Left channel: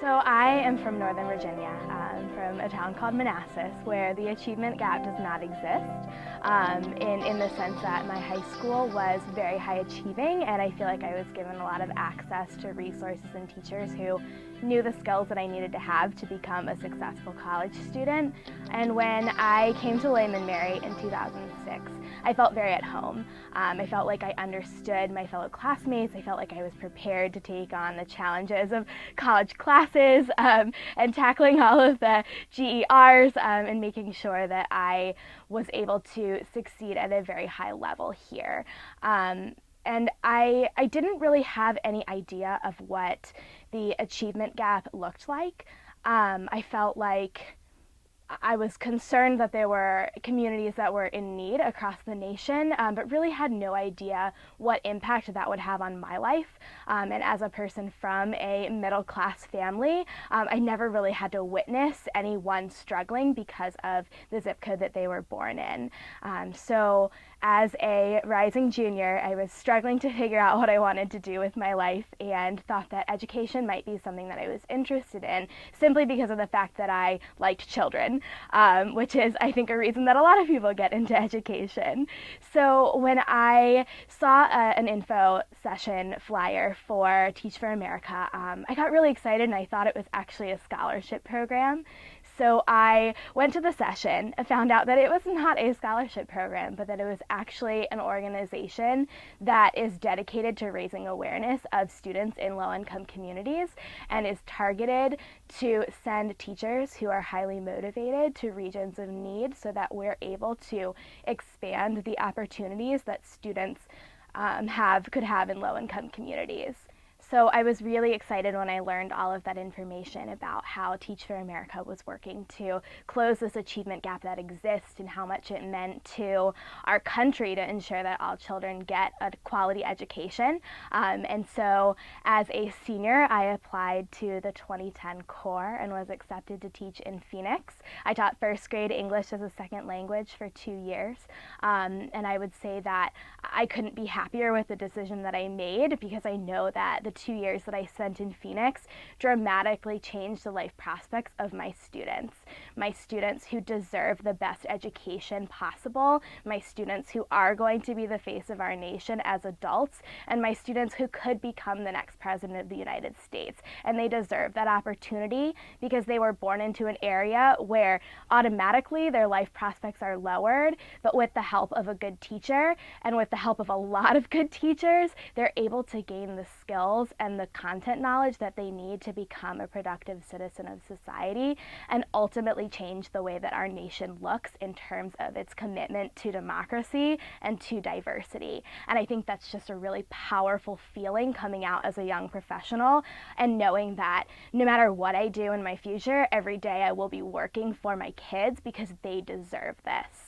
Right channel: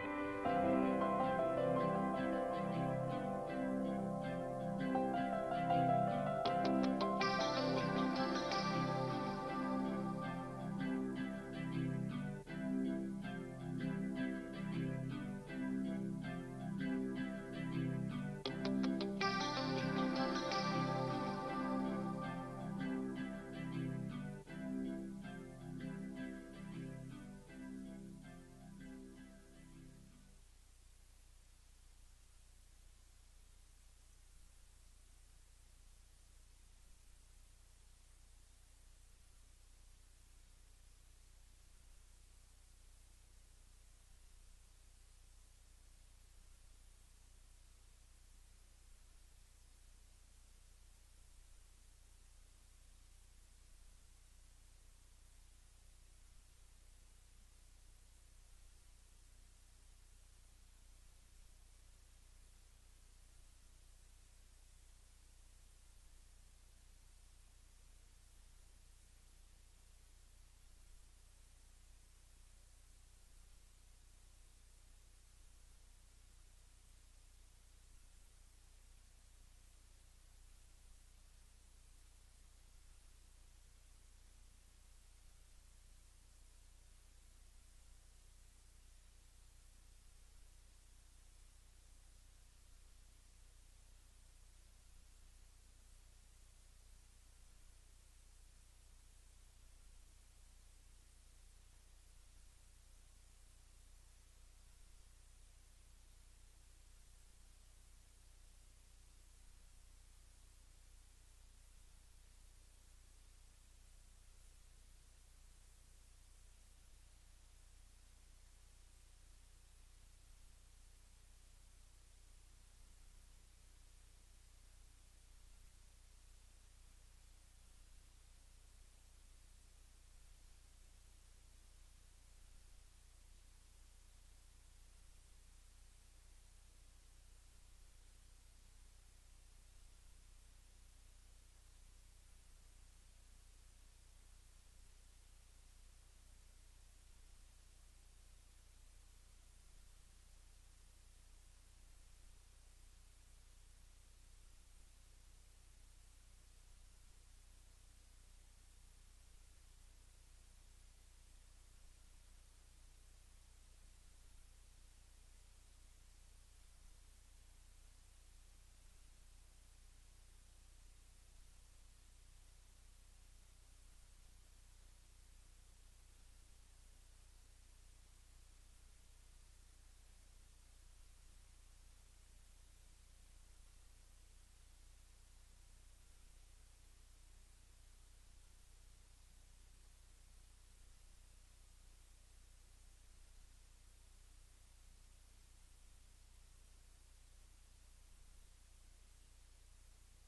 So I am from Northern Virginia, from a town called Manassas, where the achievement gap does not exist, in the sense that my high school was very high achieving, and I feel like I was given a lot of access to resources and teachers who knew the skills that I needed to have to become a successful college student. And when I came to William and Mary in 2006, I felt very at home. I felt like I understood my fellow classmates. I felt like I was prepared to take on the challenges of college classes, and tackling all of the GERs, and making sure that I was able to succeed at a very high level here. And I didn't really have any idea of what the achievement gap looked like. I felt like I was concerned that there were communities that were in need across the nation, but really had no idea what impact that would have on my life. And as a person from a middle class family, I never really had to witness anyone struggling because of the zip code that they were born in. So as a rising junior, I was struggling to figure out what I wanted to do with my life and thought that education might be something that I was interested in simply because of the fact that I liked children, which is, I think, a reason that a lot of people get into education. So when I saw an info session flyer for Teach for America, I got really excited and I thought it was actually a scholarship program. So I went to the session and found out that it was not a scholarship program, but that it was actually an organization that is dedicated to raising awareness of students in low-income communities and is targeted to send teachers who are highly motivated to regions of need so that we're able to expand the opportunities that students could have in low-income communities. So I was really excited when I learned all of that information about how Teach for America was working to close this achievement gap that exists and how much it meant to our country to ensure that all children get a quality education. And so as a senior, I applied to the 2010 Corps and was accepted to teach in Phoenix. I taught first grade English as a second language for 2 years. And I would say that I couldn't be happier with the decision that I made because I know that the 2 years that I spent in Phoenix dramatically changed the life prospects of my students who deserve the best education possible, my students who are going to be the face of our nation as adults, and my students who could become the next president of the United States. And they deserve that opportunity because they were born into an area where automatically their life prospects are lowered, but with the help of a good teacher and with the help of a lot of good teachers, they're able to gain the skills and the content knowledge that they need to become a productive citizen of society and ultimately change the way that our nation looks in terms of its commitment to democracy and to diversity. And I think that's just a really powerful feeling coming out as a young professional and knowing that no matter what I do in my future, every day I will be working for my kids because they deserve this.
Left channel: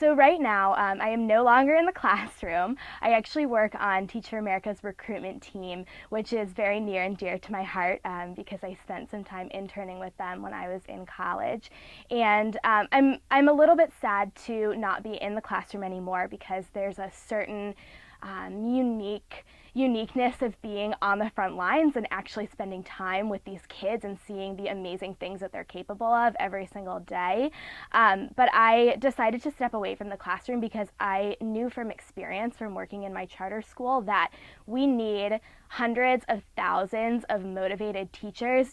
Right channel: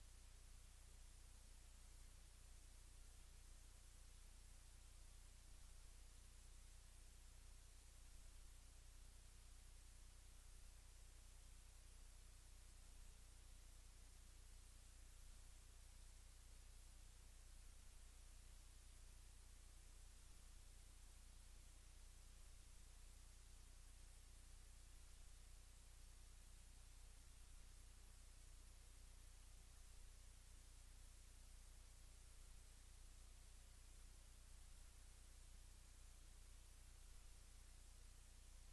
So right now, I am no longer in the classroom. I actually work on Teach for America's recruitment team, which is very near and dear to my heart because I spent some time interning with them when I was in college. And I'm a little bit sad to not be in the classroom anymore because there's a certain uniqueness of being on the front lines and actually spending time with these kids and seeing the amazing things that they're capable of every single day. But I decided to step away from the classroom because I knew from experience from working in my charter school that we need hundreds of thousands of motivated teachers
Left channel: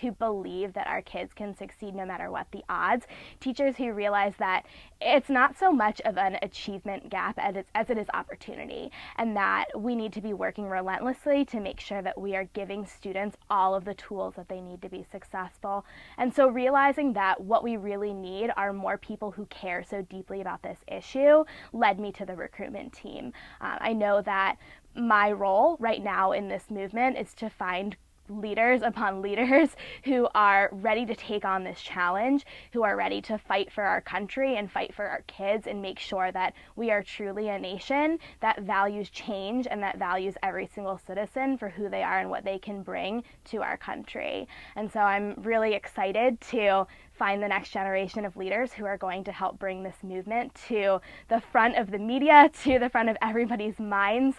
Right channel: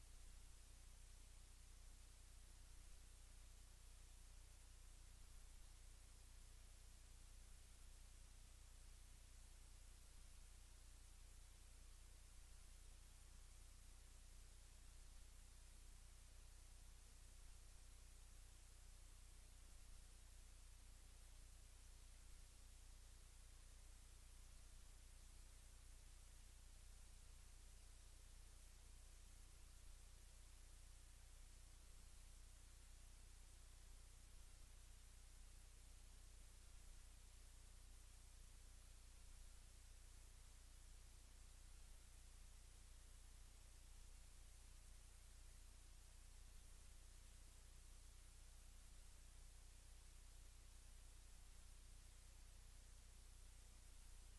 who believe that our kids can succeed no matter what the odds, teachers who realize that it's not so much of an achievement gap as it is opportunity, and that we need to be working relentlessly to make sure that we are giving students all of the tools that they need to be successful. And so realizing that what we really need are more people who care so deeply about this issue led me to the recruitment team. I know that my role right now in this movement is to find leaders upon leaders who are ready to take on this challenge, who are ready to fight for our country and fight for our kids and make sure that we are truly a nation that values change and that values every single citizen for who they are and what they can bring to our country. And so I'm really excited to find the next generation of leaders who are going to help bring this movement to the front of the media, to the front of everybody's minds,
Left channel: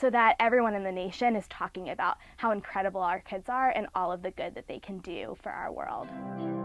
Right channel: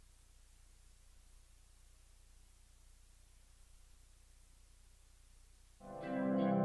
so that everyone in the nation is talking about how incredible our kids are and all of the good that they can do for our world.